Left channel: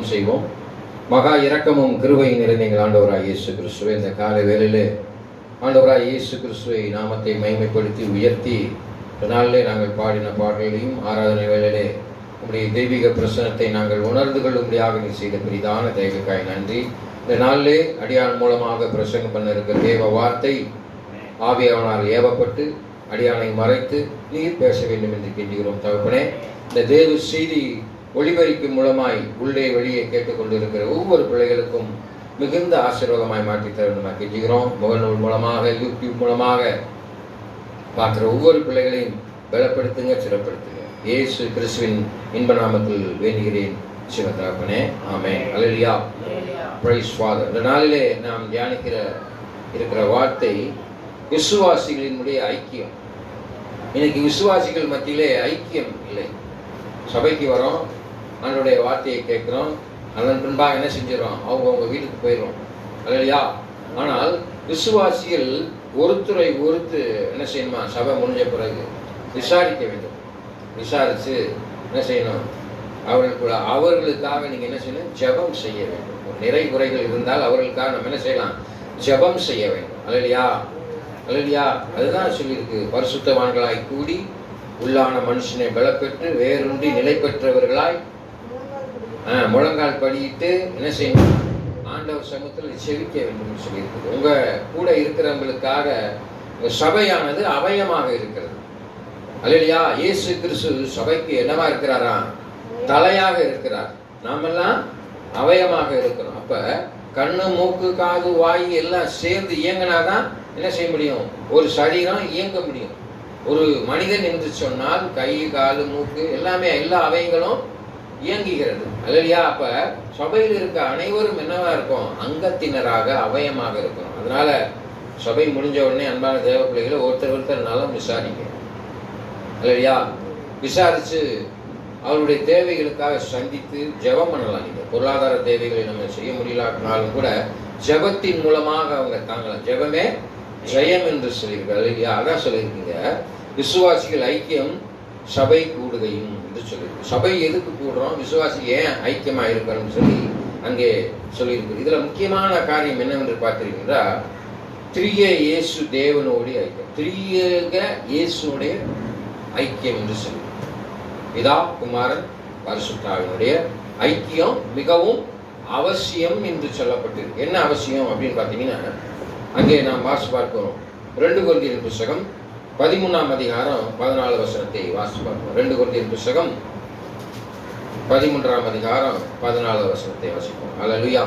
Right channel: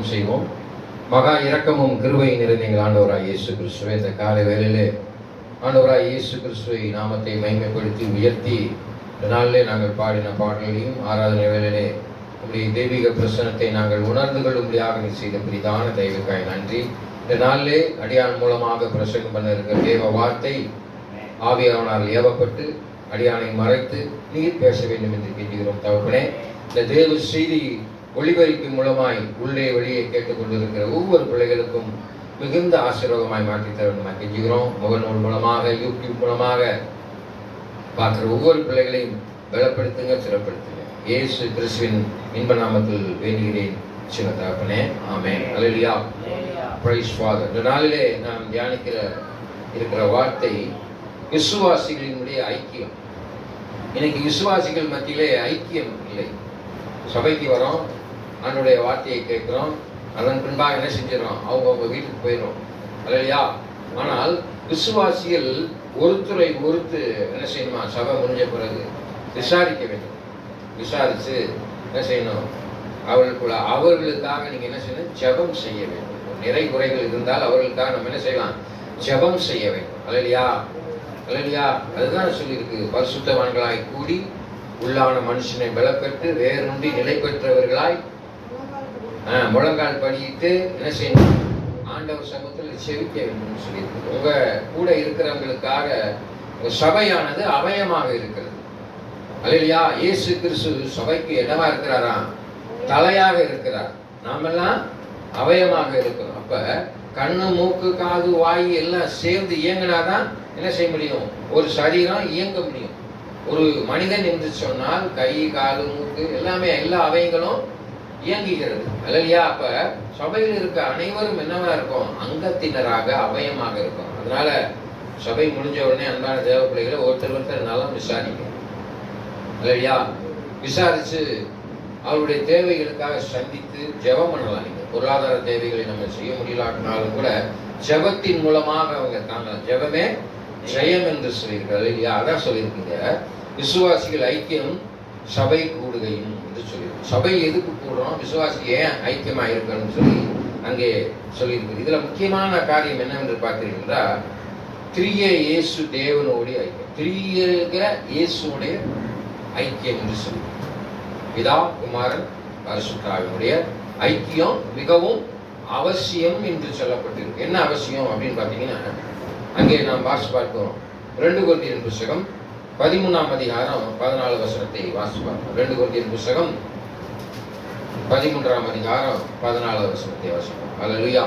செய்வோம். மகா இரக்கமும் கிருபையும் நிறைந்த எங்கள் ஆண்டவராய் இயேசு கிறிஸ்துவை இந்த காலை வேளையிலே ஆண்டவராய் இயேசு கிறிஸ்துவை நாமத்தை மகிமைப்படுத்தி உயர்த்தி நாளிலே நாங்கள் பாடின பாடல்களையும் ஆராதனை வேளையிலே நம்முடைய தெய்வீக பிரசனத்தை நாங்கள் உணர்ந்து கொள்ளும்படியாக நீ செய்த பெரிதான தெய்வக்காய் நன்றி. இந்த நாளிலே அடியான் மூலமாக பிரசங்கம் பண்ண இருக்கிற தேவ வார்த்தை ஆவியானவரால் ஏவப்பட்டு அடியானை மறைத்து நீர் பேச வேண்டும் என்று கேட்கிறோம் தகப்பனே. இந்த தேவ செய்தி ஒளிபரிப்பின் மூலமாய் உள்ளே வெளியே கேட்டுக்கொண்டிருக்கிற ஒவ்வொரு பிள்ளைகளுக்கும் மிகுந்த ஆசீர்வாதமாய் மாற்றித் தர வேண்டும் கெஞ்சுகிறோம். முகநூல் மூலமாக, யூடியூப் மூலமாக பார்க்குற ஒவ்வொரு பிள்ளைகளையும் பலப்படுத்துங்க, சிறப்படுத்துங்க. இயேசு கிறிஸ்துவின் இன்ப நாமத்தில் வேண்டுகிறேன் சிவதகப்பனே, ஆமென். அல்லேலூயா, பிரைஸ் ஃபாதர். இந்த நாளிலே நாம் தியானிக்கிற இருக்கிற வார்த்தை விசுவாசிகளினுடைய ஐக்கியம். இன்னைக்கு விசுவாசிகள் மத்தியிலே ஐக்கியம் இல்லை. சபைக்கு வரோம், அவனுடைய வார்த்தையை கேட்கிறோம், அதன் பின்பாக என்ன செஞ்சிடறோம், அவங்க வீட்டுக்கு போயிடும். அல்லையா? ஆனால் விசுவாசிகள் ஒருத்தரை ஒருத்து என்ன செய்யணுமா, சபை முடிஞ்ச பிறகு விசாரிக்க வேண்டும். விசாரித்து என்ன செய்யணும், அவர்களுக்காக நீங்க என்ன செய்யணும், ஜெபம் செய்ய வேண்டும். நிறை குறைகள் இருந்தால் அவர்களுக்காக நம்ம என்ன செய்யலாம், ஜெபம் செய்ய வேண்டும். அல்லையா? அல்லையா? அதுதான் சொல்லியிருக்கு, பரிசுத்தவான்களாய் கூடி உள்ளான மனுஷனை பலப்பெற்று வேறொன்றி நிலை பெற்றவர்களாய் முழங்கால் படியிட்டு என்ன செய்யணும், ஆண்டவர் சமூகத்தில் செவிக்க வேண்டும் சொல்லியிருக்கு. உங்க கூட இருக்கிறவங்களுக்காக சபையானது அவயமாக இருக்கிறது. அல்லேலூயா. இயேசு கிறிஸ்து சபைக்கு என்னவா இருக்கிறாரா, தலையாக இருக்கிறார். நாமெல்லாம் அவயமாக இருக்கிறோம். அப்ப கண்ணு, மூக்கு, காது, வாய் எல்லாம் சேர்ந்து இயங்கினாதான் என்ன செய்ய முடியும், ஒரு சரீரம் இயங்க முடியும். ஒரு மனிதன் என்று சொன்னால் கை, காலு, மூக்கு எல்லாமே, எல்லா அவயங்களும் இயங்குகிறது. அல்லையா? அப்ப சபையில் இருக்க அனைவரும் என்னவா இருக்கும், அங்கத்தினராக அவயமாக இருக்கும். அதனால சபை முடிஞ்ச உடனே அன்பான தேவ பிள்ளைகளை ஒருத்தர் நலம் விசாரிக்க. அல்லையா? விசாரிச்சு அவருடைய தேவைகளுக்காக சந்தித்து ஜெபம் பண்ணலாம். நீங்க பொருளாதார தேவைகளை நம்ம செய்ய முடியலாட்டினாலும் கூட ஜெபத்தின் மூலமாக அவங்க தாங்கலாம். ஜெபமே ஜெயம் என்று சொல்லியிருக்காரு. இல்லையா? அதான் சொல்லியிருக்கீங்க, விசுவாசிகள் ஐக்கியம் சபை கூடுகையும் என்று சொல்லியிருக்கு. சபை எதுக்கு கூடுறோம், விசுவாசிகள் ஏன் ஐக்கியமா இருக்கணும்னு சொல்லி அங்கே சொல்லியிருக்கு. இதுல முக்கியமான காரியம் என்னவென்று பார்த்தீங்கன்னா, திரிய இயேசு தேவனுடைய ஐக்கியம், திரியக இயேசுடைய ஐக்கியம் என்று சொல்லி பிதா, குமாரன், பரிசுத்த ஆவியினுடைய ஐக்கியம் மிகவும் அவசியம் என்று சொல்லப்பட்டிருக்கு. என்ன அவசியம் அப்படின்னு பார்த்தீங்கன்னா, அங்கே நாம் வாசி பார்க்கிறோம். 2 கொரிந்தியர் புத்தகம் 13ஆம் அதிகாரம் 14 வசனத்தை வாசி பார்க்கிறோம். 2 கொரிந்தியர் புத்தகம் 13ஆம் அதிகாரம் 14 வசனத்தை வாசிப்போம். அல்லேலூயா.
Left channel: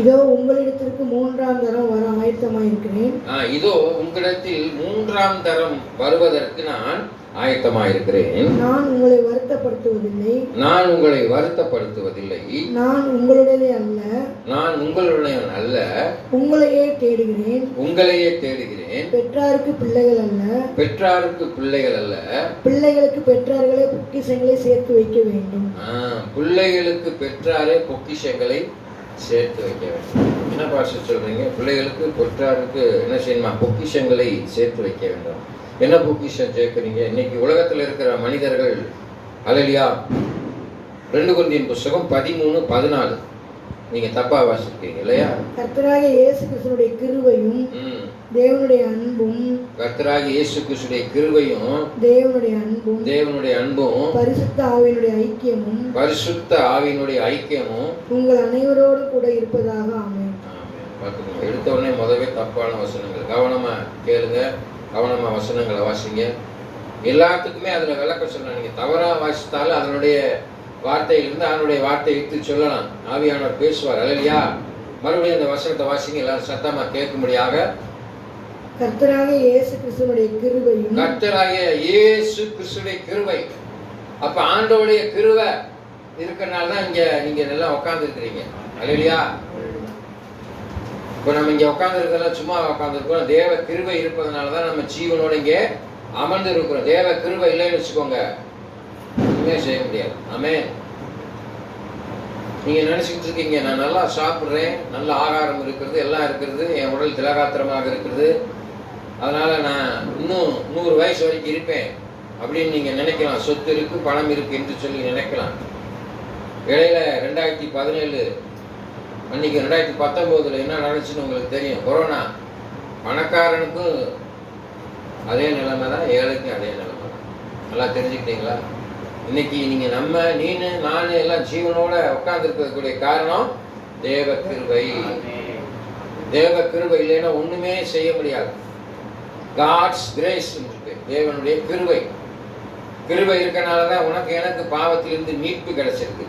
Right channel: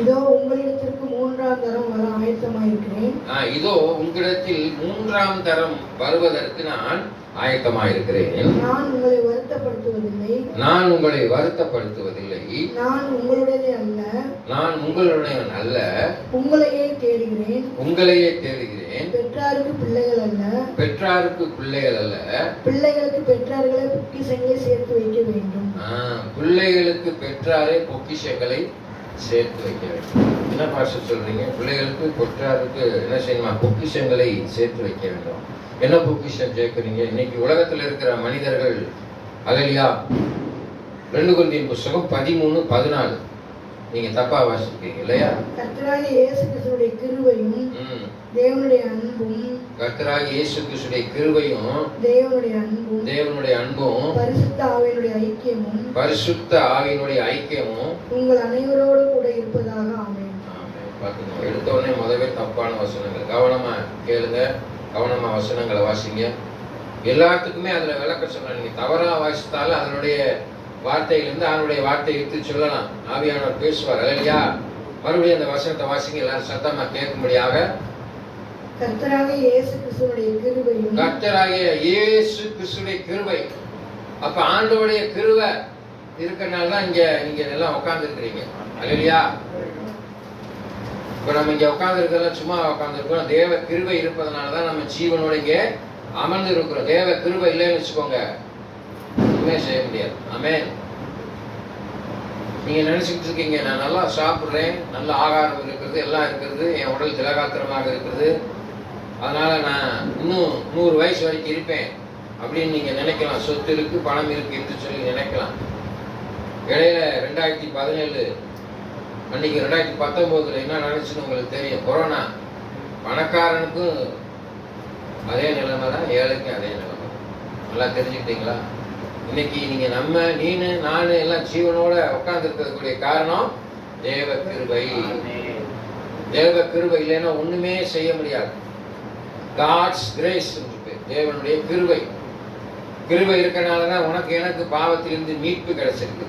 இதோ உங்களிடத்திற்கு 3ஆம் தரம் வர ஆயத்தமாயிருக்கிறேன். இதோ உங்களிடத்தில் 3ஆம் தரம் வருவதற்கு நான் ஆயத்தமாயிருக்கிறேன். நான் உங்களை வருத்தப்படுத்துவதில்லை. நான் உங்களை வருத்தப்படுத்துவதில்லை. நான் உங்களுடைய அல்ல. நான் உங்களுடைய அல்ல. உங்களையே தேடுகிறேன். உங்களையே தேடுகிறேன். பெற்றாருக்கு பிள்ளைகள் அல்ல. பெற்றாருக்கு பிள்ளைகள் அல்ல. பிள்ளைகளுக்கு பெற்றார்களே பொக்கிஷங்களை சேர்த்து வைக்க வேண்டும். பிள்ளைகளுக்கு பெற்றாரே பொக்கிஷங்களை சேர்த்து வைக்க வேண்டும். என்ன பாஷை சொல்றீங்க? பிள்ளைகளுக்கு பெற்றாருக்கு என்ன செய்யணுமா, பொக்கிஷங்களை சேர்த்து வைக்க வேண்டும். என்ன பொக்கிஷம் சேர்க்கிறீங்க? இன்னைக்கு உலகத்தில் இருக்கிற மனிதர்கள், அல்லேலூயா, 2 கொரிந்தியர் புத்தகம் 13:14 நீங்க தப்பா வாசிக்கிறீங்க இல்லையா? கர்த்தராகிய இயேசு கிறிஸ்துவினுடைய கிருபையும் தேவனுடைய அன்பும், கர்த்தராகிய இயேசு கிறிஸ்துவினுடைய கிருபையும் தேவனுடைய அன்பும் பரிசுத்த ஆவியினுடைய ஐக்கியமும், பரிசுத்த ஆவியினுடைய ஐக்கியமும் உங்கள் அனைவரோடு கூட இருப்பதாக. ஆமென். பாத்துக்கோங்க, எடுத்த உடனே முதவே தப்பான வசனங்கள். கவனமா கேளுங்க, கவனமா வசனங்களை வாசிங்க. எல்லாத்துக்குமே அதுல விளக்க சொல்ல. நீங்க தவறா வாசித்தாலும் அதனுடைய வார்த்தையிலிருந்து அவனுடைய வார்த்தையை எடுத்து சொல்லலாம். ஆவியானவர் பேசுவார். அல்லேலூயா. மறுபடியும் அந்த வசனத்தை வாசிங்க, எல்லாரும் சத்தமா கேட்கும்படியாக. கர்த்தராகிய இயேசு கிறிஸ்துவினுடைய கிருபையும், கர்த்தராகிய இயேசு கிறிஸ்துவினுடைய கிருபை. அப்ப ஆண்டவருடைய கிருபை இருக்கனால தான் இங்க நீங்க எல்லாம் உட்கார்ந்து இருக்கிறீங்க. அல்லேலூயா. இப்ப நம்ம இங்க உட்கார்ந்து இருக்கிறதெல்லாம் சும்மா உட்கார்ந்து இருக்கிறோம். தேவ கிருபை இருப்பதனாலதான் நம்ம ஜீவனோட இங்க அமர்ந்து இருக்கிறோம். தேவ கிருபை இல்லைன்னு வச்சுக்கோங்க, ஒண்ணுமே செய்ய முடியாது. ஆமென். நீங்க நினைச்சுட்டு இருக்கீங்க, நான் நல்லா சாப்பிடுறேன், நல்ல ஆகாரம் இருக்கிறது, எல்லாம் இருக்கிறது, என் உடல் திலகாத்திரமாக இருக்கிறது, அதனால நான் இன்னும் 100 வயசு வரைக்கும் இருப்பேன் அப்படின்னு நீங்க நினைக்கலாம். சொத்து இருக்கு, பணம் இருக்கு என்று சொல்லி நினைக்கலாம். இடையில 2017 அன்னைக்கு 2019 என்ன நடந்துச்சுன்னு உங்களுக்கு தெரியும். கொரோனா. பணக்காரனுக்கும் அதே நிலைமை தான், ஏழைக்கும் அதே நிலைமை. நல்லா தெரிஞ்சுக்கிட்டீங்களா? இன்னைக்கு நீங்க நீனு நானு எல்லாம் ஜீவனோட உட்கார்ந்து இருக்கக்கூடிய காரணம் தேவ கிருபை. தேவ கிருபை இல்லைன்னா ஒண்ணுமே செய்ய முடியாது. காட்ஸ் கிரேஸ், தேவனுடைய கிருபை. கிருபை இருக்கனாலதான் உனக்கு எனக்கு பாவத்திலிருந்து மீட்பு கிடைச்சிருக்கு.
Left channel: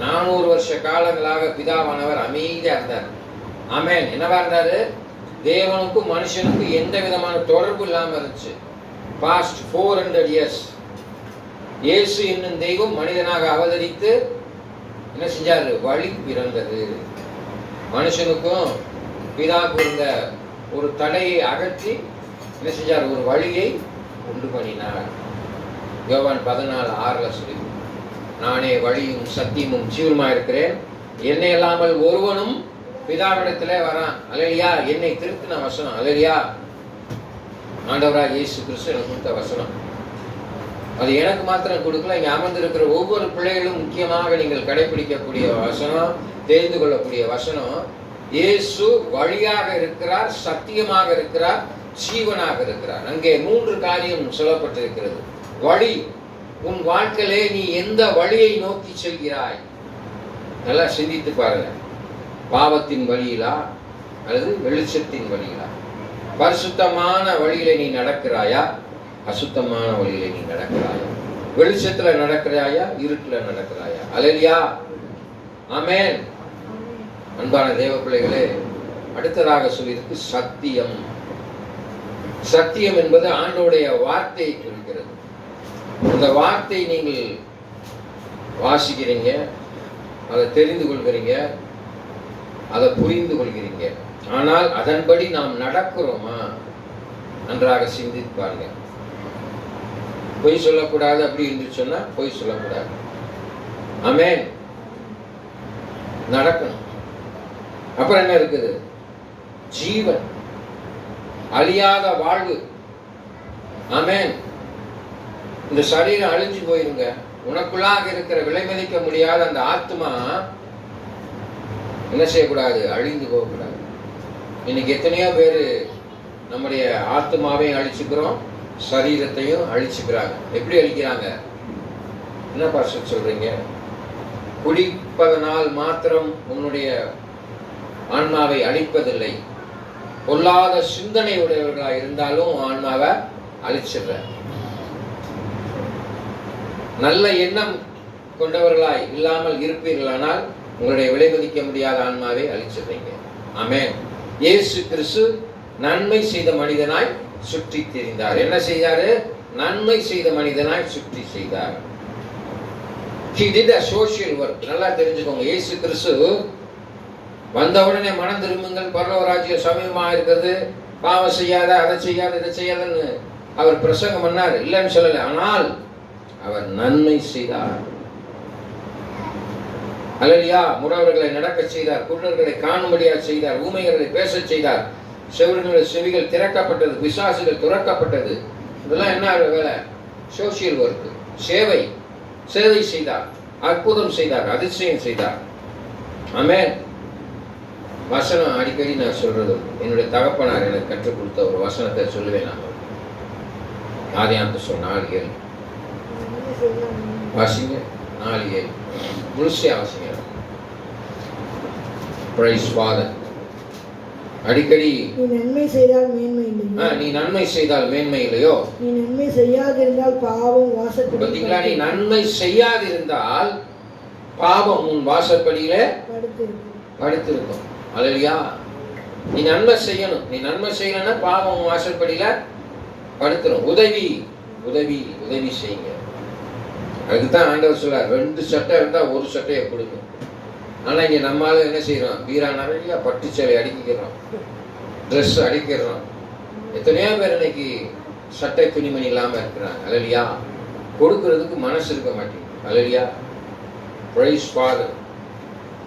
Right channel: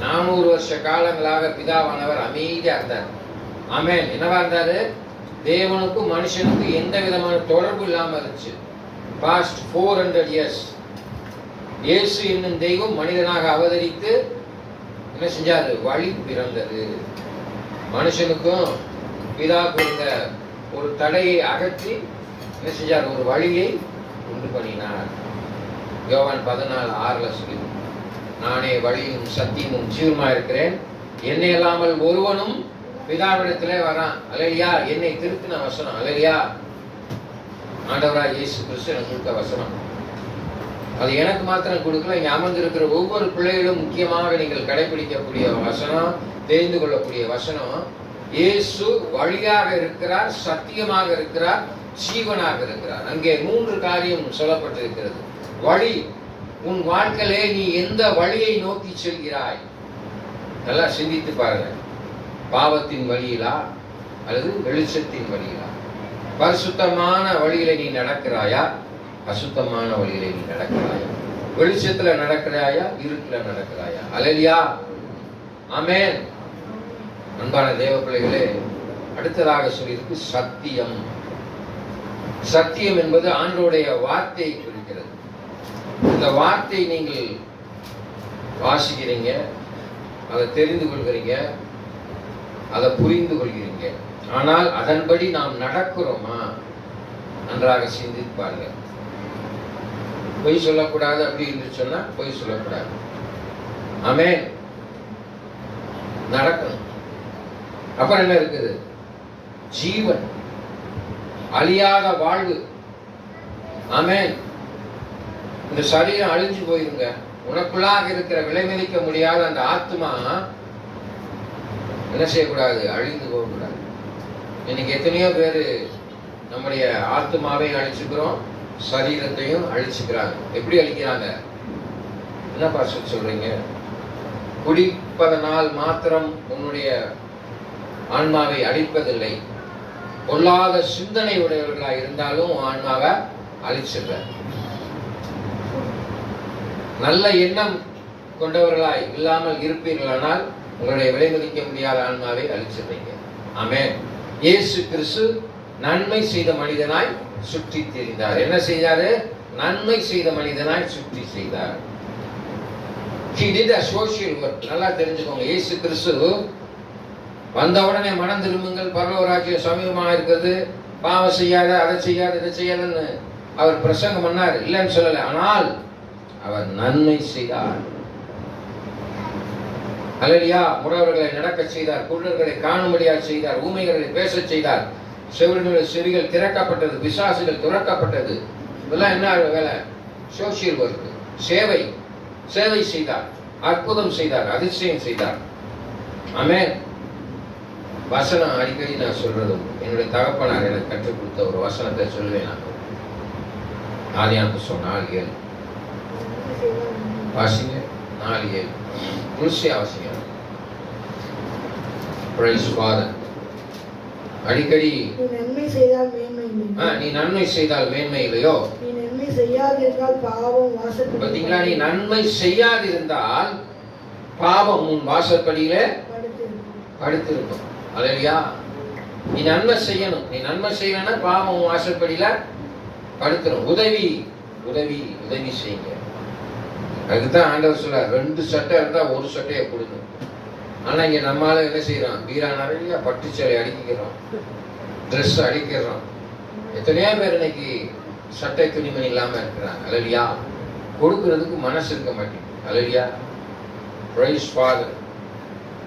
400 வருஷ காலங்களாக பிதாவானவர் அமைதியா இருந்தார். ஆமென். என்னவா இருந்தாரு? தேவனுக்கும் மனுஷனுக்கும் எந்த விதமான தொடர்பு இல்லாம இருந்துச்சு. பாஸ்ட் 400 இயர்ஸ் இயேசு என்னும் தெய்வம் மனிதனாக அவதரித்து என்ன செஞ்சாரு? வழி பிறந்தது. மனுஷனுக்கும் பிதாவுக்கு இருந்த ஒரு தடையை அகற்றி என்ன செஞ்சார்? ஒரு வழியை உண்டு பண்ணினார். யோவான் 14:6 சொல்லி, நானே வழியும் சத்தியமும் ஜீவனுமா இருக்கிறேன், என்னை இல்லாமல் ஒருவனும் பிதாவிடத்திலே வரான். அல்லேலூயா. என்னை திருத்தின வசனம். அல்லேலூயா. ஆண்டவராக இயேசு கிறிஸ்து எனக்கு கொடுத்த வசனம். அது எனக்கு மாத்திரம் கொடுக்கல, இங்க அமர்ந்திருக்கிற ஒவ்வொரு பிள்ளைகளும் முக்கியமாக நீங்கள் கடைபிடிக்கக்கூடிய வசனம், தெரிந்து கொள்ளக்கூடிய வசனம். இயேசு வழியாக இருக்கிறார், சத்தியமாக இருக்கிறார், ஜீவனாக இருக்கிறார். அங்கே 3 காரியம் சொல்லப்பட்டிருக்கிறது. வழி. உன் வாழ்க்கையிலே நீ எந்த வழியை நோக்கி செல்கிறாய்? நல்லா சிந்தித்து பாருங்க. பாவத்தின் வழியிலா அல்லது வெளிச்சத்தின் வழியிலா? பரிசுத்தமான வழியில நீ நடக்கிறாயா? அசுத்தமான வழியில நீ நடக்கிறாயா? வெளிச்சத்துல நடக்கிறாயா? இருட்டுல நடக்கிறாயா? அல்லேலூயா. ஆமென். அன்பான தேவ பிள்ளைகளே, அடுத்ததாக சொல்லியிருக்கு சத்தியம். சத்தியம் என்பது ஆண்டவருடைய வார்த்தையை குறிக்கிறது. இந்த வார்த்தை நீங்கள் வாசிக்கிறீங்க, அதை தெரிந்து கொள்கிறீங்க, அதை புரிந்து கொள்கிறீங்க. ஆனால் அதன்படி நாம் நடக்கிறோமா? நன்றாக சிந்திப்பாங்க. பொய் சொல்லக்கூடாது அப்படி என்று சொன்னா பொய் சொல்லக்கூடாது. ஆமென். நடக்கணும். அப்புறம் என்ன இருக்குது? ஜீவன், அழியாத வாழ்வு. ஆமென். இந்த சரீரம் அழிஞ்சு போயிருங்க. உனக்குள்ளாக இருக்கிற விலை மதிக்க முடியாத அந்த ஆத்மா என்ன செய்யக்கூடாது? அழிந்து போகக்கூடாது. இன்னைக்கு எத்தனையோ பேரு நம்முடைய ஆத்மாவையும் அழிச்சுக்கிறோம், சரீரத்தையும் அழிச்சுக்கிறாங்க. எப்படி அழிக்கிறாங்க? என்ன பாஸ்டர் சொல்றீங்க? குடிப்பதனால் மாத்திரம் உன்னுடைய ஆன்மாவை அழிப்பதில்லை. பொல்லாத சிந்தனை உடையவர்களாக இருந்தாலும் ஆன்மாவை அழிச்சிடுற. நல்ல எண்ணம் கொண்டவர்களாய் இல்லாமல் இருப்பீர்களானால் உங்களுடைய விலை மதிக்க முடியாத ஆன்மாவை அழிச்சிடுறீங்க. ஆமென். இயேசு கிறிஸ்து நன்மை செய்த மனிதனாய் சுற்றி திரிந்தார். என்ன செய்தாரு? நன்மை செய்த மனிதனாய் சுற்றி செய்தார். He did a social work. நல்லா தெரிஞ்சுக்கோங்க. இயேசு கிறிஸ்து வந்தவுடனே மனம் திரும்புங்கள், பரலோக ராஜ்யம் சமீபமாக இருக்கிறது, பாவம் செய்யாத, அதை செய்யாத, இதை செய்யாதன்னு அவர் பிரசங்கம் பண்ணார். இல்லைன்னு சொல்லல. ஆனால் அவர் நன்மை செய்தார். அல்லேலூயா. முடவர்களை நடக்க செய்தார், குருடர்களை காணும்படியாக செய்தார், ஊமைகளை பேசச் செய்தார், செவிடனுடைய செவிகள் திறக்கப்பட்டது, பிசாசுகள் துறக்கப்பட்டது. இதெல்லாம் என்ன வேலை? Social work. சேவை. சேவை செய்தார், அற்புதம் செய்தார், அதிசயம் செய்தார். ஆமென். வசனம் அடிக்கடி நான் சொல்றதும், என்னுடைய தகப்பனார் எனக்கு கற்றுக் கொடுத்த ஒரு வசனத்தை சொல்லுவேன். நான் ஆதியாகமம் 4:7 வாசிங்க. 4:7 முழுசையா வாசிங்க. Praise father. அடிக்கடி நீ நன்மை செய்தால் மேன்மை இல்லை. நீ நன்மை செய்தால் மேன்மை இல்லையோ? நீ நன்மை செய்யாதிருந்தால் பாவம் வாசற்படியிலே. பாத்தீங்களா? நீ நன்மை செய்யாதிருந்தால் பாவம் உன் வாசற்படியிலே படுத்திருக்கும். அல்லேலூயா. நீ நன்மை செய்யணும். நீ நன்மை செய்யணும்னா பாவம் உன் வாசற்படியில படுத்துரும். உதவி உதவி உதவி செய்யுங்க. அதுதான் ஆண்டவர் சொல்றார், 2 சட்டை இருந்தா ஒரு சட்டையை கொடுக்கும். ஆனா இங்க நம்மளால என்ன செய்யறோம்? பீரா நிறைய பட்டு சேலை அடிக்கிறோம், ட்ரெஸ் அடிக்கிறோம். எத்தனையோ பேர் இன்னைக்கு சட்டை துணிமணி இல்லாம இருக்கிறாங்க. அல்லேலூயா. கொடுக்கிறதுக்கு மனசு இருக்க மாட்டேங்குது. அல்லேலூயா. Praise father.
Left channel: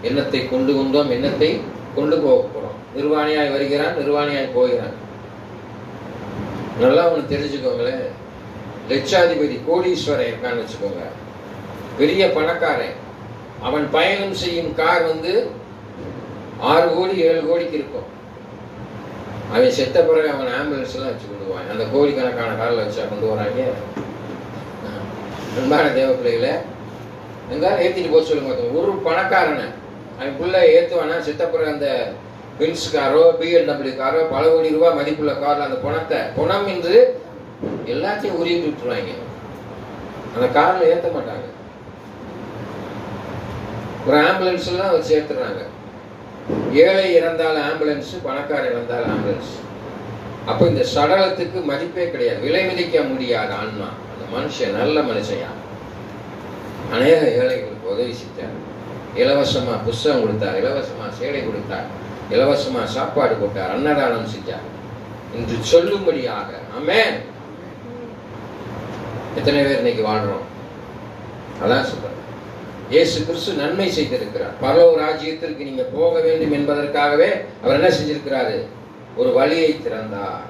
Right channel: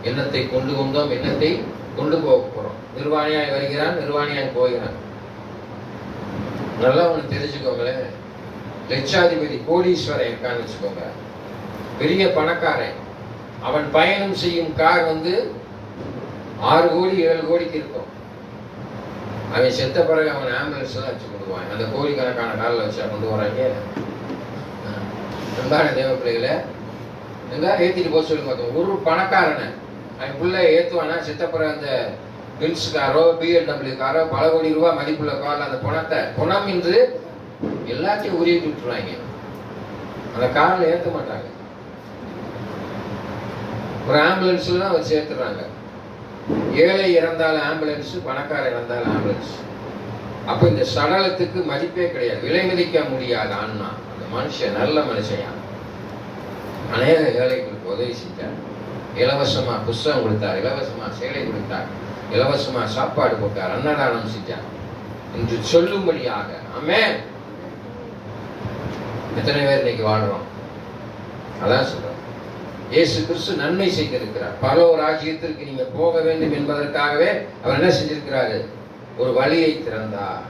எண்ணத்தை கொண்டு கொண்டோம், எண்ணத்தை கொண்டு போக போறோம். நிர்வாணியாய் வருகிறான், நிர்வாணியாய் போகிறான். நல்லா ஒண்ணு தெரிஞ்சுக்கோங்களேன். லட்சாதிபதி கோடீஸ்வரன் இருக்கான்னு வச்சுக்கோங்க, பெரிய பணக்காரன், அவன் பயணம் செய்யும் கார் 6 கோடி 7 கோடிக்கு இருக்கும். அவன் செத்த பிறகு அவன் ஆம்புலன்ஸ் எல்லாம் வச்சு கொண்டு போவான். அந்த கோடிக்கணக்கான காரில் வச்சா கொண்டு போறாங்க. உண்டான தேவ பிள்ளைகளை ஏத்திட்டு போக சொல்லுங்க. ஒரு பணக்காரனை அவனுக்குள்ள ஏத்துவானா செத்த பிறகு அந்த பென்ஸ் காரோ BMW காரோ பல கோடி ரூபாய் மதிப்புள்ள காரில் அந்த பணம் என்று எல்லாத்தையும் உருவிட்டு விட்டுருவாங்க. அந்த காரில் ஏற்ற மாட்டாங்க. ஒரு ஆம்புலன்ஸ்ல தான் அவர் சேர்த்துறாங்க. ஏழை இறந்தாலும் ஆம்புலன்ஸ், பணக்காரர் இறந்தாலும் ஆம்புலன்ஸ். அப்ப இந்த சடலத்துக்கு மதிப்பே கிடையாது, விலை மதிக்க முடியாத ஆன்மா. அந்த மனுஷன் நல்ல மனுஷன். அநேக ஏழைகளுக்கு உதவி செஞ்சார். இலவசமா புஸ்தகம் கொடுத்தார், இலவசமா சேலை கொடுத்தார், இலவசமா சாப்பாடு போட்டார், அன்னதானம் செஞ்சார் என்று சொல்லும்படியாக. ஆமென். எத்தனை பேர் இன்னைக்கு வாழ்றோம்? அதான் சொல்றேன். இயேசு கிறிஸ்து நன்மை செய்திருக்கிறார். பரலோக ராஜ்யத்திற்கு நீங்க போக வேண்டும் என்பதற்காகவே அவர் என்ன செஞ்சிருக்கிறாரு? ஒரு வழியை திறந்தார்.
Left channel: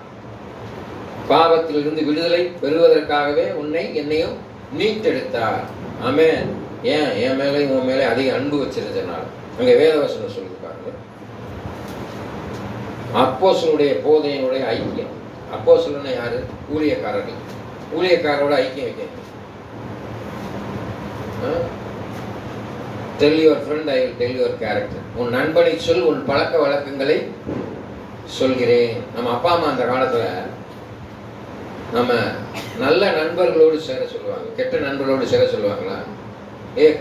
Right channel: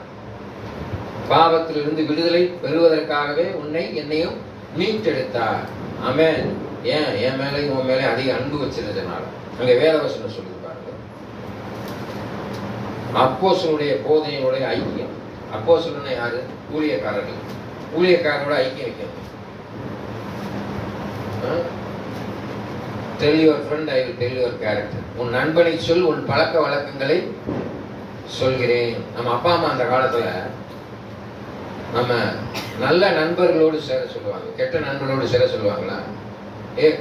பாவத்திலிருந்து விடுதலை பெறுவதற்காகவே உன்னை என்னையும் மீட்டெடுத்தார். ஆமென். ஏன் என் மேலே உன் மேலே அதிக அன்பு வச்சிருந்தனால. அங்க வேதவசனம் சொல்லி பாருங்க. அப்போஸ்தலனுடைய போதனையுடைய ஐக்கியம். அப்போஸ்தலன் யாரு? ஊழியக்காரர்கள். ஊழியக்காரரோட ஐக்கியம் வைக்கணும். Tell your friend, I will tell your character. உன் நண்பனை சொல், உன் பழக்க வழக்கங்களை சொல்கிறேன். நம்ம அப்பா அம்மா அந்த காலத்துல நம்ம நல்ல நண்பர்களோடு சேர சொல்லுவாங்க, கெட்ட நண்பர்களோடு சேர சொல்லுவாங்களா?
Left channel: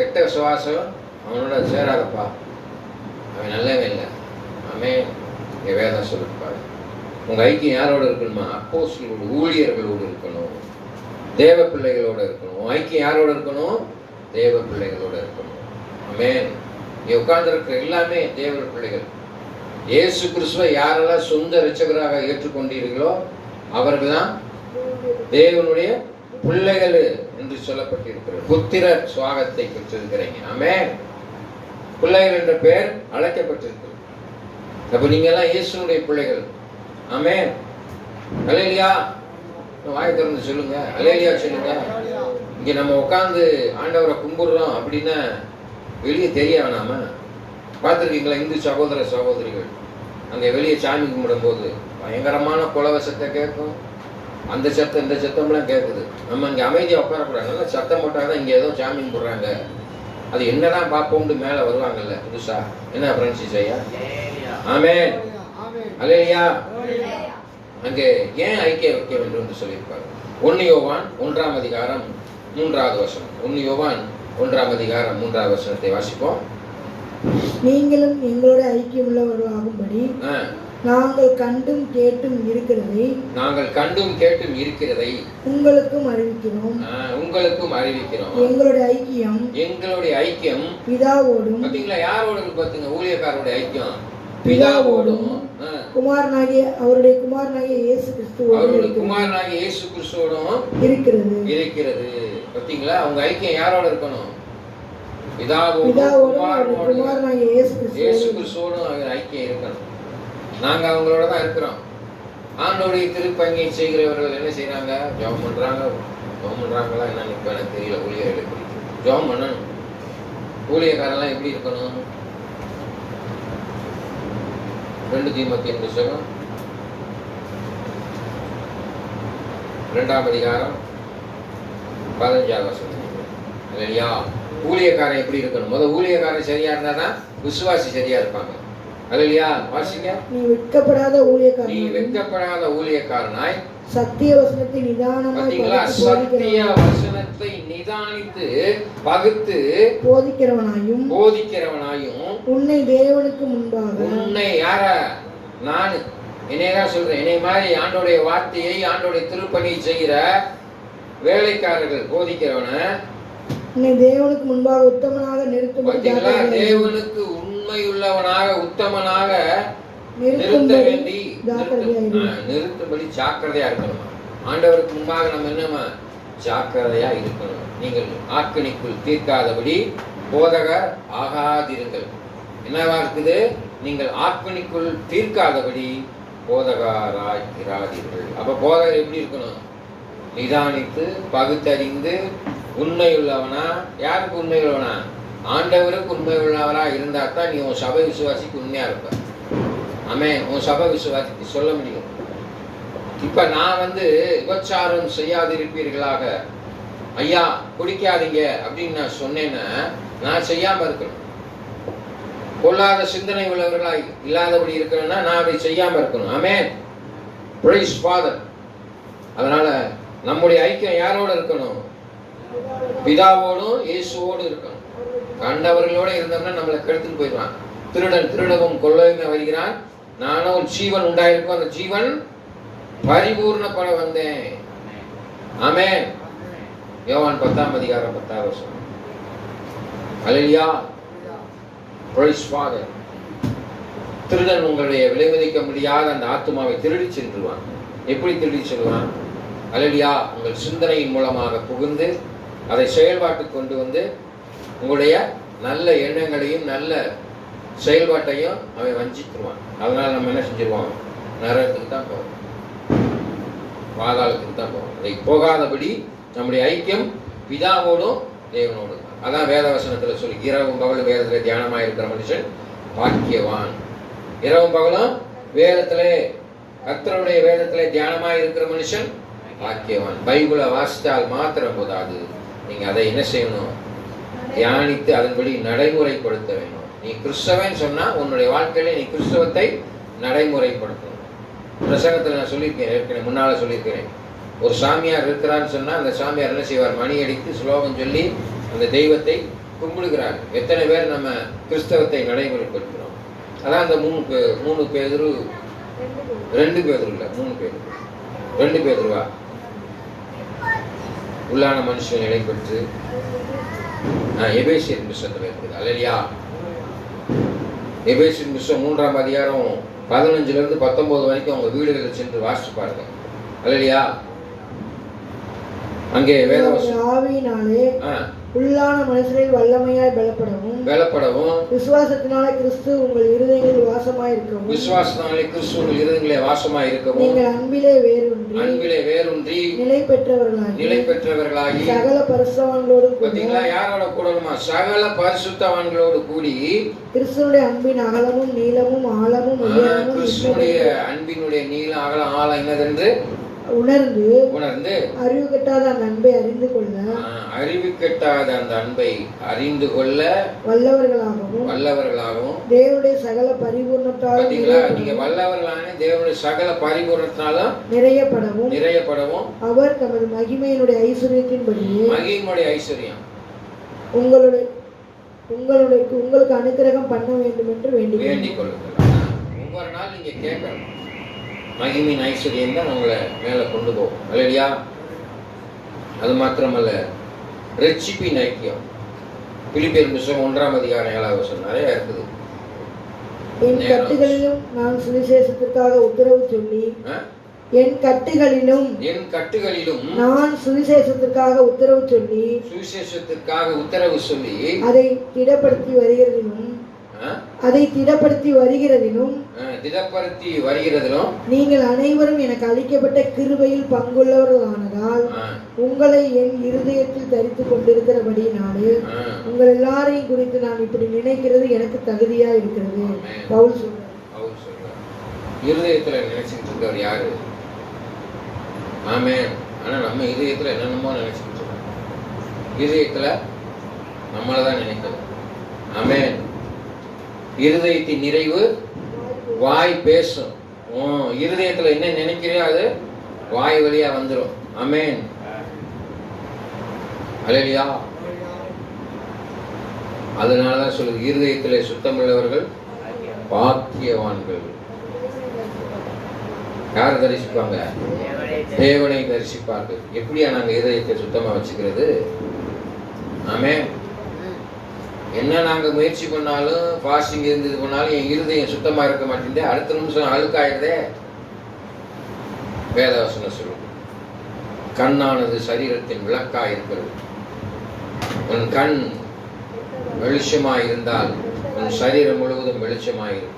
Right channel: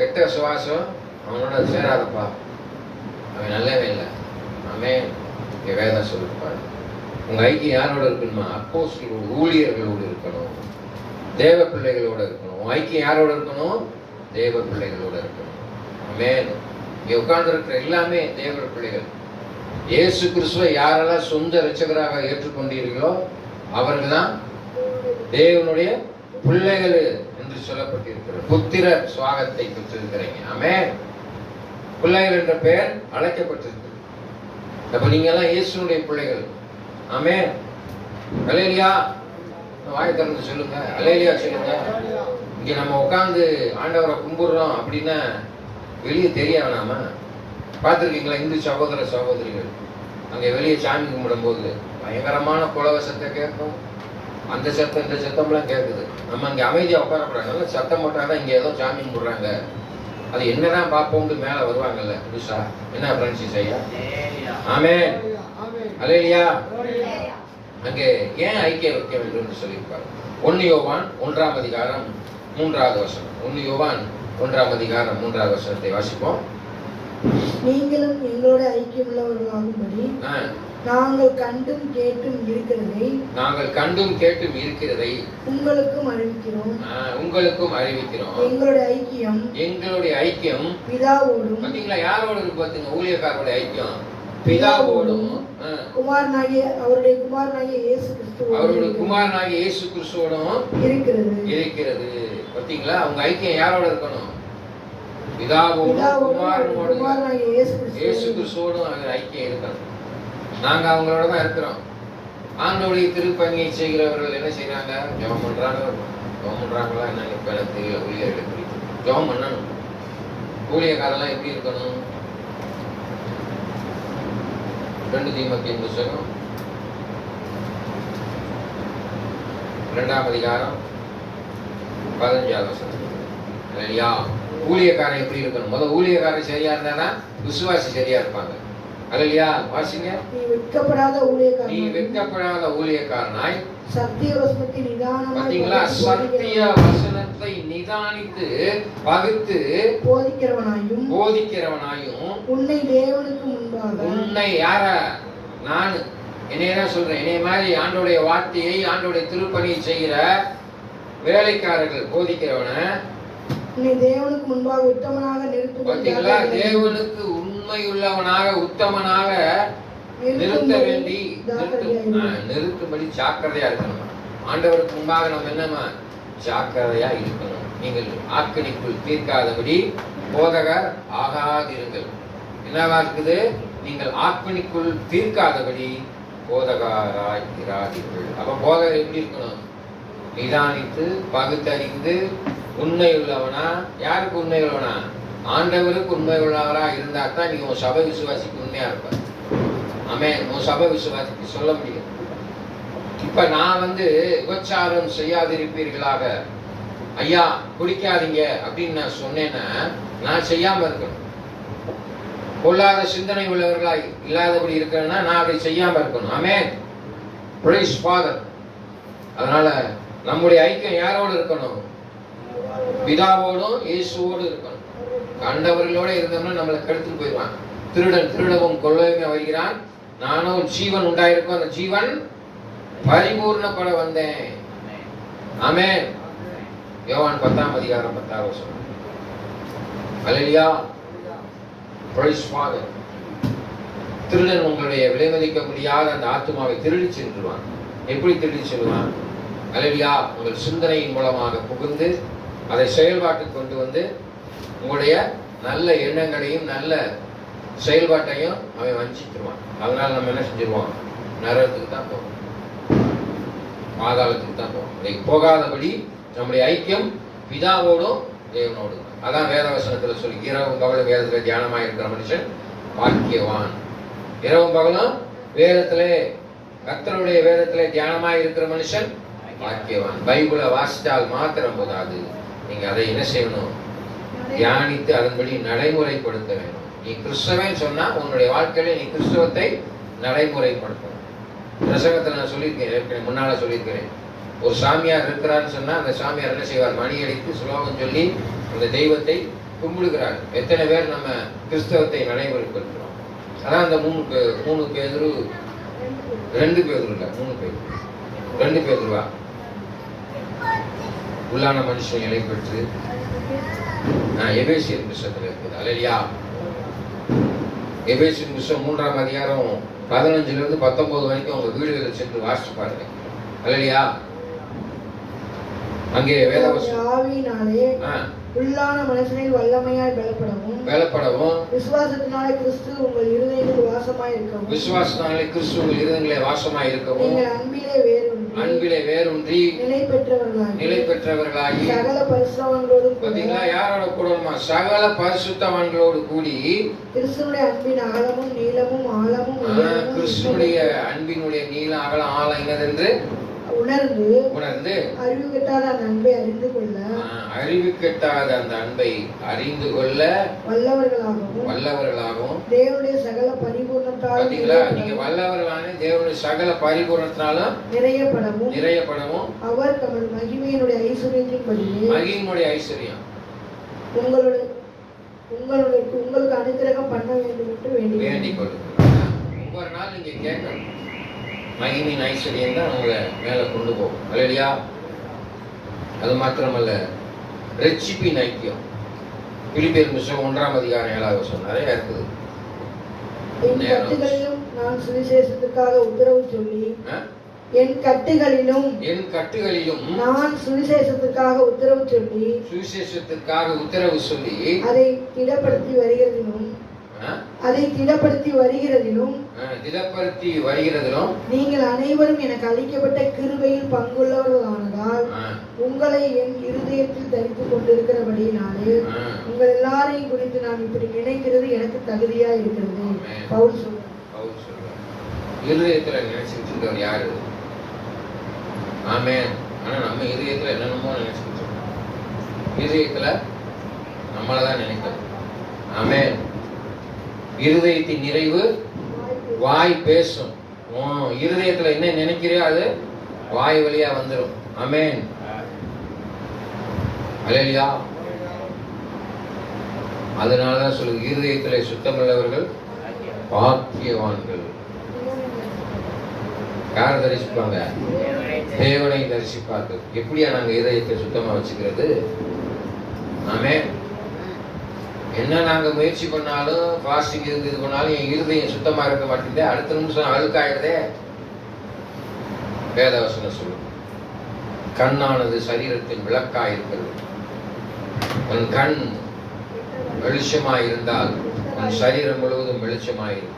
கெட்ட சுவாசம் அவனோட சேராதப்பா, அவன் நல்லவே இல்லை. ஆமென். இங்க வேதம் சொல்லிருப்பாரு. உங்க ஐக்கியம் யாரோட இருக்கணுமா? அப்போஸ்தலரோடு, ஊழியர்களோடு இருக்கணும், தேவ பிள்ளைகளோட இருக்கணும். உன் ஐக்கியம் யாரோட இருக்கணும்? தேவ பிள்ளைகளோட இருக்கணும். ஆமென். இங்க உட்கார்ந்து இருக்கிற எல்லாமே தேவ பிள்ளைகள். இயேசு கிறிஸ்துவை யாரெல்லாம் சொந்த இரட்சகராக ஏற்றுக்கொண்டீர்களோ அவர்கள் தான் தேவனுடைய பிள்ளைகள் என்று சொல்லப்பட்டிருக்கிறது. புத்திர சுவாகத்தை பெற்றிருக்கிறீங்க. ஆமென். பிள்ளைகள் என்ற பெயர் அழைக்கப்பட்டிருக்கு. அப்ப நீங்க எல்லாம் இயேசுனுடைய பிள்ளைகள். ஆமென். அல்லேலூயா. வாய் திறந்து சொல்லுங்க, அல்லேலூயா சொல்லுங்க. இங்க நம்ம உட்கார்ந்து ஆண்டவரை கும்பிடுறோம் அப்படின்னா வெளியே தெரிய வேணாமா? பார்த்துருக்கீங்களா இந்து சகோதர சகோதரிகள் அங்க வெளியே சாமி கும்பிடும் போது பயங்கரமான குலவசத்தை கேட்கும். அந்த சத்தம் இந்த சத்தம்லாம் கேட்குது. நம்ம அங்கே அமைதியாக உட்காரக்கூடாது. நல்லா சத்தம் போட்டாதான் இங்கே ஏதோ சாமி கும்பிடுறாங்க, அது என்னதான் பார்ப்போம்னு மேலே வருவாங்கல்ல புதுசா. என்ன பிரான்சிஸ் ஐயா? ஆமென். அல்லேலூயா. அங்கே ஏன் ஐக்கியம் வைக்க வேண்டும் என்று சொல்லியிருப்பாரு. 1 யோவான் 1ஆம் அதிகாரம் 3வது வசனம். 1 யோவான் 1ஆம் அதிகாரம் 3வது வசனத்தை வாசிப்போம். நீங்களும் எங்களோட ஐக்கியமுள்ளவர்களாகும்படி நாங்கள் கண்டும் கேட்டும் இருக்கிறதை உங்களுக்கும் அறிவிக்கிறோம். எங்களுடைய ஐக்கியம் பிதாவோடும். பாத்தீங்களா யாரோட இருக்கு? பாத்தீங்க ஊழியக்காரோட ஐக்கியம் பிதாவோடும் அவருடைய குமாரனாகிய இயேசு கிறிஸ்துவோடும் இருக்கிறது. பாத்தீங்களா அவங்க ஐக்கியம் யாரோட இருக்கணும்? பிதாவோடும் குமாரனாகிய இயேசு கிறிஸ்துவோடும் ஐக்கியம் இருக்கணும். நாங்க அவங்களோட தான் இருக்கிறோம். ஆண்டவருடைய திருப்பணியை செய்கிறவர்கள் என்ன செய்யறாங்க? ஜெபம் பண்றாங்களா என்னன்னு எனக்கு தெரியல. ஊழியர்களுக்கு ஜெபம் பண்ணணும். ஊழியக்காரெல்லாம் எப்படி இருக்கணும்? 2 தீமோத்தேயு புத்தகம் 2ஆம் அதிகாரம் 15வது வசனம். இல்லையா? ஊழியக்காரன் எப்படி இருக்கணும்? முதல்ல ஊழியக்காரன் சரியா இருந்தாதான் விசுவாசி சரியா இருப்பாங்க. அல்லேலூயா. வாசிங்க. நீ வெட்கப்படாத ஊழியக்காரனாய் சத்திய வசனத்தை நிதானித்து பகுத்து போதிக்கிறவனாயும் உன்னை தேவனுக்கு முன்பாக. உன்னை யார? நான் என்னையதான் சொல்றேன். என்னை மாதிரி ஆண்டோடைய வார்த்தையை ஆண்டோடைய திருப்பணியை செய்கிற வேலைக்காரர்கள் போதிக்கிறவன உன்னை தேவனுக்கு முன்பாக உத்தமனாக நிறுத்தும். பாத்தீங்களா? தேவனுக்கு உண்மையுள்ளவனாக உத்தமனாக நிறுத்தும்படி ஜாக்கிரதையா இருக்கணும். ஆண்டவருக்கு முன்பாக நம்ம என்னமா ஜாக்கிரதையா இருக்கணும். நீங்கள் ஆக்கணிக்குள் தீர்க்காதபடி போதகர் ஆகாதிருங்கள். என்னவா இருக்குது? நீங்கள் ஆக்கணிக்குள் தீர்க்காதபடி போதகராய் இராதீர்கள். அப்ப போதகர் எப்படி இருக்கணும்? நிதானித்து பகுத்தறிந்து உண்மையுள்ளவனா. யாருக்கு உண்மையுள்ளவனா? ஆண்டவருக்கு உண்மை உள்ளவராக இருந்தா தான் நீ உன் சபை விசுவாசிக்கு உண்மையா இருப்ப. ஆமென். உன் சபை விசுவாசிக்கு சொல்ல முடியும். இப்ப நான் விபச்சாரம் செய்யாதிருப்பீர்களாக, ஐயா குடிக்காதீங்க அப்படின்னு நான் சொன்னேன்னா நான் செய்யாம இருக்கணும். பொல்லாத சிந்தனை உள்ளவர்களா இல்லாதபடி இருக்கணும்னா நான் அப்படி செய்யாம இருக்கணும். ஆமென். Praise father. அதனால நம்முடைய ஐக்கியம் யாரோடு இருக்கணும்? பிதாவோடும் இயேசுவோடு இருக்கணும். கண்டவர்களோட இருந்தோம்னா நம்மளை கெடுத்துட்டு போயிடுவான். திருடன் திருடவும் கொள்ளையும் வருகிறான், நானும் ஒரு ஜீவன் உண்டாயிருக்கும், அந்த ஜீவன் பரிபூர்ணப்பட வந்தேன். ஆமென். யோவான் 10ஆம் அதிகாரம் 10ஆவது வசனம். அல்லேலூயா. Praise father. திருடன் உங்களுடைய விலைமதிக்க முடியாத அந்த ஆத்துமாவை திருடி சென்றுவான். எப்படி திருடி செல்வான்? அல்லேலூயா. உங்கள் சிந்தனையின் மூலமாக புகுந்து அதை செயல்பாட்டுக்கு கொண்டு வந்து உங்களுடைய நல்ல எண்ணங்களையும் நல்ல செயல்பாட்டையும் அவன் வஞ்சித்துருவான். அதனால நம்ம என்ன செஞ்சிருவோம்? நரகத்துக்கு தான் போவோம், பாதாளத்துக்கு தான் போவோம். போகாதபடி நம்முடைய ஐக்கியம் பிதாவோடும் தேவனோடும். அதான் வேதவசனத்துல சொல்லி, இரவும் பகலும் வேதத்துல தியானமா இருக்கிற மனுஷன் பாக்கியவான். இரவும் பகலும் வேதத்திலே, கர்த்தருடைய வேதத்திலே தியானமா இருக்கிற மனுஷன் பாக்கியவான். பைபிளை வாசித்தால் மாத்திரம் போதாது, நீங்க அதை என்ன செய்யணும்? தியானித்து அதன்படி நடைமுறைப்படுத்த வேண்டும். நீ கிறிஸ்தவன் சொன்னா உன்னுடைய வாழ்க்கையில நீ கிறிஸ்தவத்தை நடைமுறைப்படுத்தணும். பிரசங்கத்தில் நான் சொல்லியிருக்கேன், ஏற்கனவே முன்னால சொல்லியிருக்கிறேன். ஒரு சாமியார் இருக்கிறான்னு சொன்னா அந்த சாமியார் என்ன செய்வார்? மணி அடித்து ஸ்லோகம் சொல்லி அந்த தெய்வத்தை கும்பிடுகிறார். எத்தனை பேர் நம்ம கிறிஸ்தவத்தை நடைமுறைப்படுத்துகிறோம்? அதான் அந்த 3 பேதுரு 2 பேதுரு இல்ல 3 பேதுரு 2 பேதுருவா உள்ளான மனுஷன் நிலை பெற்று எபேசியர் புத்தகத்துல இருக்குது. அல்லேலூயா. எபேசியர் புத்தகம் 3ஆம் அதிகாரம் 15 இருந்து 19 வரைக்கும் உங்க வீடுகளில் சென்று வாசித்து பாருங்க. அல்லேலூயா. அங்கே ஆவியினாலே உள்ளான மனுஷனில் வல்லமையாய் பலப்படவும் விசுவாசத்தினாலே கிறிஸ்து உங்கள் இருதயங்களில் வாசமாய் இருக்கவும் நீங்கள் அன்பிலே வேரூன்றி நிலை பெற்றவர்களாகி சகல பரிசுத்தவான்களோடு பாத்தீங்களா? யாரோட கூடணுமா? சகல பரிசுத்தவான்களோடு கூடி கிறிஸ்துவுடைய அன்பின் அகலமும் நீளமும் ஆழமும் கிறிஸ்துவுடைய அன்பினுடைய நீளம் அகலம் ஆழம் என்னதென்று உணர்ந்து அறிவு கெட்டாத அந்த அன்பை அறிந்து கொள்ள வல்லவர்களாகவும் தேவனுடைய சகல பரிபூர்ணத்தால் நீங்க வல்லவர்களான தேவனுடைய சகல பரிபூர்ணத்தாலும் நிறையப்படவும் அவர் தமது மகிமையினுடைய ஐஸ்வர்யத்தின்படியே மகிமையுடைய ஐஸ்வர்யம் உங்களுக்கு அனுக்கிரகம் பண்ண வேண்டும் என்று வேண்டிக் கொள்ளுங்கள். ஒவ்வொரு நாள் நீங்க கேட்கணும். மகிமையின் ஐஸ்வர்யம் தான் உங்களை மேல கொண்டு போகும். அல்லேலூயா. அது மாத்திரமல்ல, ரட்சிப்பின் ஐக்கியம். பிலிப்பியர் புத்தகம் 1ஆம் அதிகாரம் 7ஆவது வசனம் நிறைய இருக்குது. என் கட்டுகளிலும் நான் சுவிசேஷத்துக்காக உத்தரவு சொல்லி நான் சுவிசேஷத்துக்காக உத்தரவு சொல்லி அதை திடப்படுத்தி வருகிறதிலும் நீங்கள் அனைவரும் எனக்கு அளிக்கப்பட்ட கிருபையில் பங்குள்ளவர்களானதால் உங்களை என் இருதயத்தில் தரித்துக் கொண்டிருக்கிறபடியினாலே உங்கள் எல்லாரையும் குறித்து நான் இப்படி நினைக்கிறது எனக்கு தகுதியா இருக்கிறது. பவுல் சொல்றார். இருதயத்துல நினைச்சுட்டு இருக்கவர் யாரு? ஆமென். ஆனா நம்ம இதயத்துல என்னென்னமோ நினைச்சுட்டு இருக்கோம். இதயத்துல நம்மளதான் நினைக்கிறோம். ஆமென். இருதயத்தின் நிறைவு வாய் பேசும். இருதயத்துல என்ன நினைக்கிறியோ அது வாய் வழியா வந்துடும். ஆமென். அல்லேலூயா. அதனாலதான் சொல்லுது, இருதயத்திலே சுத்தமுள்ளவர்கள் பாக்கியவான்கள். யார் தரிசிப்பாங்க? தேவனை தரிசிப்பார்கள். எப்படியா நாங்க இதயத்தை சுத்தமா வச்சுக்கிறது? ஆமென். என்ன நாங்க முயற்சி பண்ணாலும் ஃபாஸ்டிங் இருந்து இது பண்ணாலும் என் இருதயம் சுத்தமா இருக்க மாட்டேங்குது. அடுத்த நிமிஷம் அழுக்காயிடுதே. வேதவசனம் சொல்லும், கண்ணானது சரீரத்தின் விளக்காய் இருக்கிறது. உன் கண் வெளிச்சமாயிருந்தால் உன் சரீரம் முழுவதும் வெளிச்சமாயிருக்கும்.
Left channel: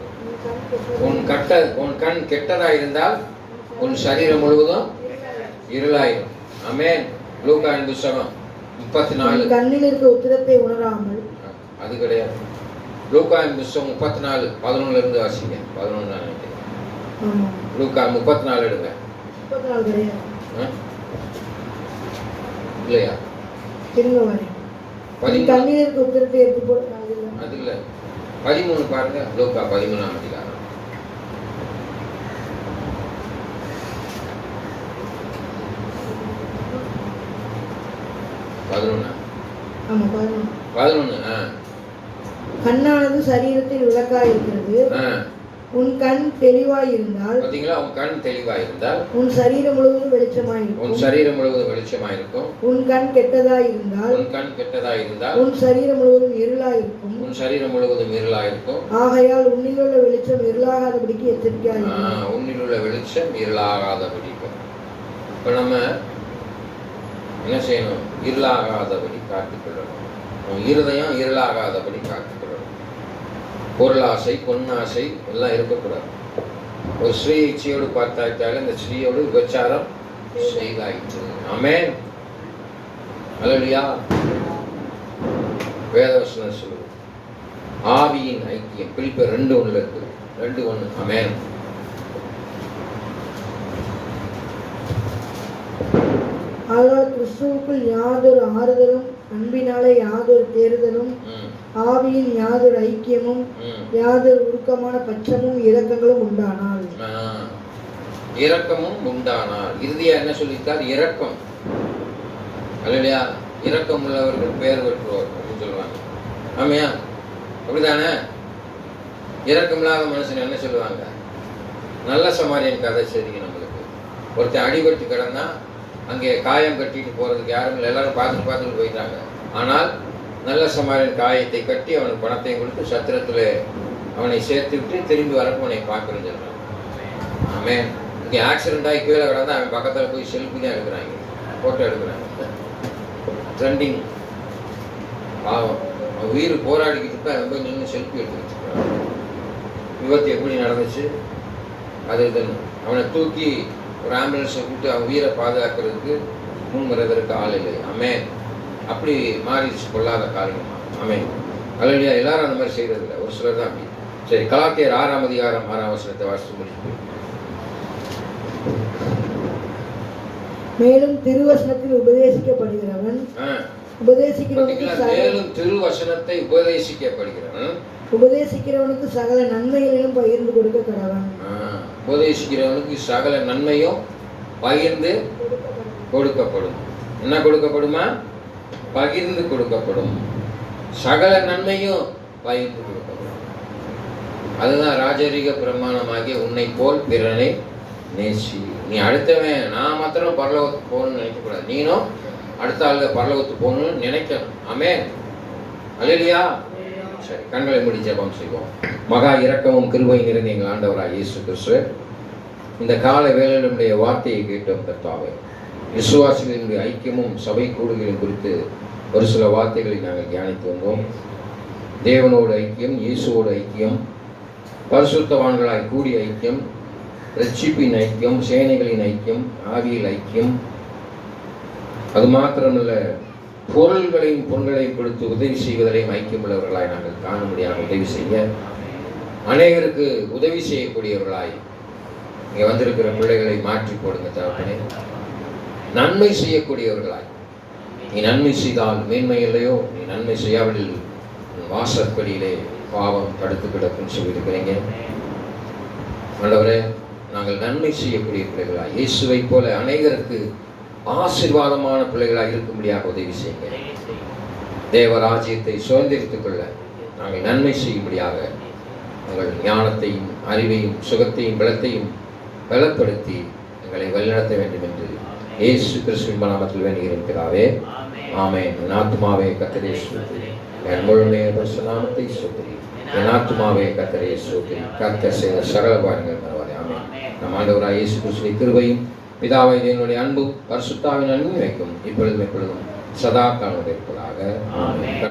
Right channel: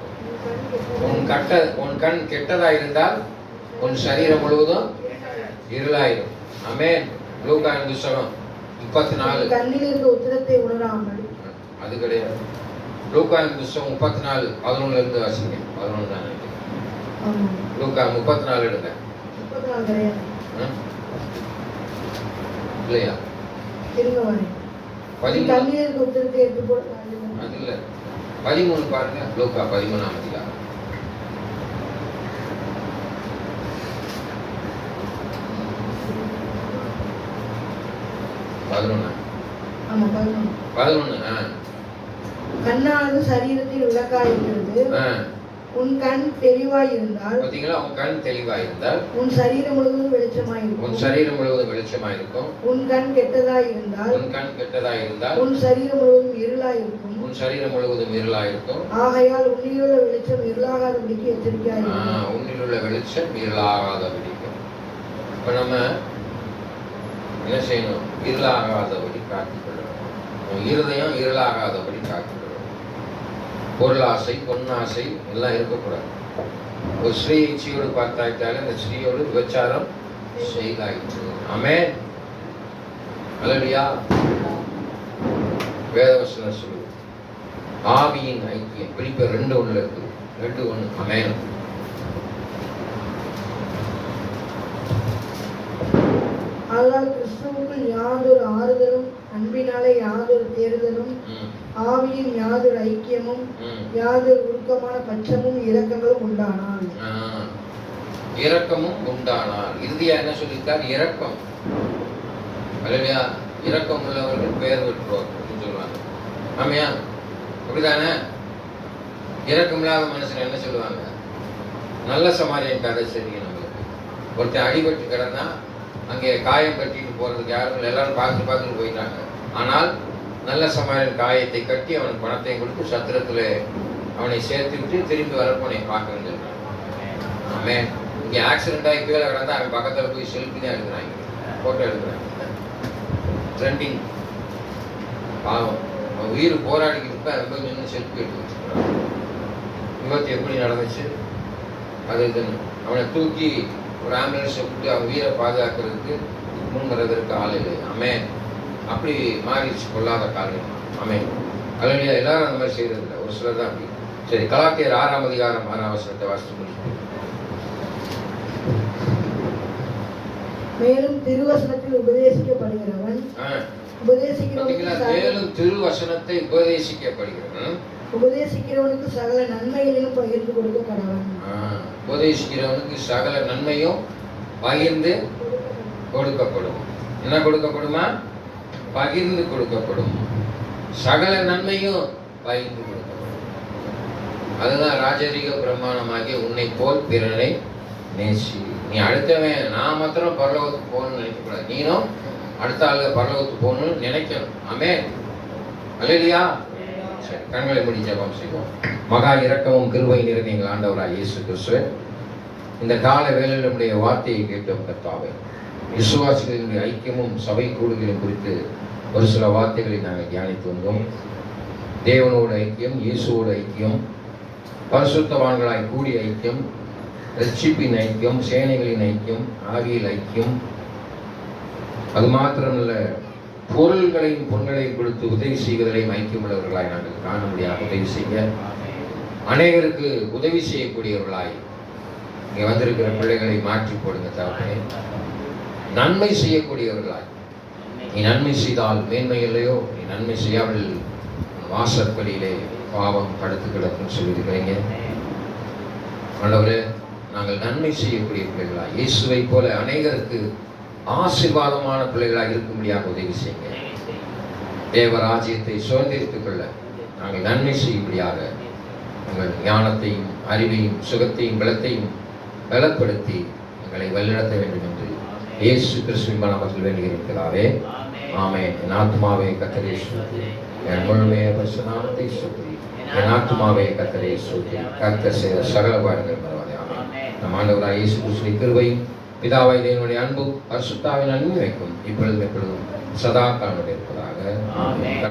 உன் கண் கெட்டதா இருந்தால் உன் சரீரம் முழுவதும் இருளாயிரும். ஆமென். லூக்கா புத்தகம் 34. கண்ணில் இருந்த உத்திரத்தை உணராமல் அது கிடையாது. லூக்காவின் புஸ்தகம் 34:11 இருந்து வாசிங்க. 11 தான் நினைக்கிறேன். ஆமா. லூக்கா 34 எடுங்க. 34 கிடையாது. இல்லையா? திரும்ப வரேன். 13 கண்ணீருக்கு உதிரத்தை எடுத்து போட்டு அது இல்ல 13 பாருங்க. லூக்கா 13ஆம் அதிகாரம். ஆமா 11. 11. கண்ணானது சரீரத்தில் விளக்காய் இருக்கிறது. உன் கண் தெளிவாய் இருந்தால், பாத்தீங்களா? உன் கண் தெளிவாய் இருந்தால் உன் சரீரம் முழுவதும் வெளிச்சமாய் இருக்கும். உன் சரீரம் முழுவதும் வெளிச்சமாய் இருக்கும். உன் கண் கெட்டதாய் இருந்தால், உன் கண் கெட்டதாய் இருந்தால் உன் சரீரம் முழுவதும் இருளாய் இருக்கும். உன் சரீரம் முழுவதும் இருளாய் இருக்கும். ஆகையால் உன்னிலுள்ள வெளிச்சம் இருளாகாதபடிக்கு எச்சரிக்கையாய் இரு. உன்னில் உள்ள வெளிச்சம் இருளாகாதபடிக்கும். இப்ப நம்ம என்ன செய்யணும்? இருளாகாதபடி காத்துக்கொள்ளணும். உன் இருதயம் இருளாகாதபடி காத்துக்கொள்ளணும். பொருளாசை, பொன்னாசை எல்லாம் இருக்கக்கூடாது. ஒரு ஸ்ரீ இச்சையோடு பார்த்தாயிட்டாலும் அந்த ஸ்ரீயோடு விபச்சாரம் செய்தாயிற்று. ஆமென். அல்லேலூயா. வேதவசனம் சொல்லு. ஆவியின் ஐக்கியம் பிலிப்பியர் 2:1 இருக்கு. 2:1. ஆமென். ஆதலால் கிறிஸ்துவுக்குள் யாதொரு ஆறுதலும், அன்பினாலே யாதொரு தேறுதலும், ஆவியின் யாதொரு ஐக்கியமும், யாதொரு உருக்கமான பட்சமும் இரக்கங்களும் உண்டானால். இரக்கமும் உண்டானால். இறுதியா என்ன சொல்லியிருக்கார்? இரக்கம். அல்லேலூயா. இரக்கம் உள்ளவர்கள் பேர் பெற்றோர் அப்படின்னு சொல்லுவாங்க. ஆமையா? அப்படிதானே? இரக்கம் இல்லாத மனுஷன் என்ன சொல்லுவாங்க? நல்ல சமாரியன் கதை சரிங்க. நம்மளுக்கு ஒருத்தன் அடிபட்டு கிடந்தா அங்கே காயம் கட்டிட்டு போறதுக்கு யாரும் இல்லை. எல்லாரும் பார்த்துட்டு போயிட்டாங்க. ஆனால் நல்ல சமாரியன் காயத்தை கட்டி அவனுக்கு பணத்தையும் கொடுத்து சத்திரத்தில் அவனை சேர்த்து விட்டு திரும்பி வரப்போ அவனை பார்க்கணும் சொல்றான். ஆமென். இங்கே ஆக்சிடென்ட் ஆகி கீழே கிடந்தா அவன் பக்கத்தில் போய் செல்ஃபி தான் எடுக்கிறாங்க, ஃபோட்டோ எடுக்கிறாங்க. ட்ரெண்டிங். பாவம், அவன் உயிர் போராடிக்கிட்டு இருப்ப அவன் போய் நின்று செல்ஃபி எடுத்து வச்சுக்கிறான். விபத்து எப்படி நடந்துச்சு அது இதுன்னு அவனை தூக்கி ஒரு ஆம்புலன்ஸை விட்டு அவன் உயிரை பாதுகாக்கிறதுக்கு முன்வரதற்கு ஆள் இல்லை. ஆமென். அப்படி மாறிடுச்சு கொள்ளாத காரியம். ஆமென். அல்லேலூயா. எல்லாரும் அந்த மாதிரி செய்யறது இல்லை, ஒரு சிலர் தான் அப்படி. சரி, கலாத்தியர் 6ஆம் அதிகாரம் 6ஆம் வசனத்தை வாசித்து முடிச்சு. மேலும் திருவசனத்தில் உபதேசிக்கப்படுகிறவன் மேலும் திருவசனத்தை உபதேசிக்கிறவனுக்கு சகல நன்மைகளையும் பகிர்ந்து கொடுக்க கடவன். உபதேசிக்கிறவனுக்கு சகல நன்மையும் பகிர்ந்து கொடுக்கப்படும். என்ன கொடுக்கப்படுமா? பகிர்ந்து கொடுக்கப்படும். சகல நன்மையும் பகிர்ந்து கொடுக்கப்படும். அதுதான் ராஜரீக பிரமாணமாகிய உன்னை போல் பிறனை நேசி. நீ அடுத்தவன் நான் மாத்திரம் பரலோகத்துக்கு போகணும்னு நினைக்கக்கூடாது. நீனும் அடுத்த ஆளுங்க பரலோகத்துக்கு போகணும்னு நினைக்கணும். ஆமென். அல்லேலூயா. சரி, கண்களை மூடி ஜெபம் செய்வோம். மகா இரக்கமும் கிருபை நிறைந்த எங்கள் ஆண்டவராகிய இயேசு கிறிஸ்துவே, இந்த கால வேளையில் நம்முடைய வார்த்தையை கேட்டோம் கர்த்தாவே. விசுவாசிகளினுடைய ஐக்கியமும் சபை கூடுதலும் குறித்து ஒரு சில வார்த்தைகளை நாங்கள் தியானித்து வந்தோம். தேவனோடு ஐக்கியம், இயேசுவோடு ஐக்கியம், பரிசுத்தவான்களாய் கூடிய ஐக்கியம், ரட்சிப்பின் ஐக்கியம், சேனைகளின் ஐக்கியம், ஆவியில் ஐக்கியம், அது மாத்திரமல்ல பொருள்களையும் பொருள்களையும் கொடுத்து உதவி செய்வதிலையும் ஐக்கியம் உள்ளவர்களாய் நாங்கள் காண முடியாது. உதவி செய்ய அநேகருக்கு உதவி செய்யக்கூடியவர்களாய் இங்கே வந்திருக்கிற பிள்ளைகளை மாற்றி போடுங்க தகப்பனே. நன்மை செய்யக்கூடியவர்களாய், நீ நன்மை செய்தால் மேன்மை இல்லையோ, நீ நன்மை செய்யாமல் வாசற்படியிலே பாவம் படுத்து கிடக்குன்னு சொல்லியிருக்கிறீங்க. ஆண்டவரே, நாங்கள் நன்மை செய்யக்கூடிய பிள்ளைகளாய், இயேசுவை போல அநேகருக்கு ஆசீர்வாதமான பிள்ளைகளாக இருக்கும்படியாக உதவி செய்யுங்க. தேவராஜ்யத்தை சுதந்திரித்துக் கொள்ள நாங்கள் நன்மை செய்யும்படியாக எங்கள் ஞானத்தையும் அறிவையும் சுகத்தையும் பலத்தையும் பலப்படுத்தி எங்களை வழிநடத்த வேண்டும் என்று இயேசு கிறிஸ்துவின் நாமத்தில் வேண்டுகிறேன் பிதாவே. ஆமென். என் ஆத்துமாவே கர்த்தரை ஸ்தோத்திரி, என் முழுமைய பரிசுத்த நாமத்தை ஸ்தோத்திரி. என் ஆத்துமாவே கர்த்தரை ஸ்தோத்திரி. கர்த்தர் செய்த சகல காரியங்கள் பரவாயில்லை. ஆமென். நம் ஆண்டவராகிய இயேசு கிறிஸ்துவின் கிருபையும் பிதாவாகிய தேவனுடைய அன்பும் பரிசுத்தாவின் அன்பும் வைக்கும் இப்பொழுதும் எப்பொழுதும் சதா காலம் இருப்பதாக. ஆமென்.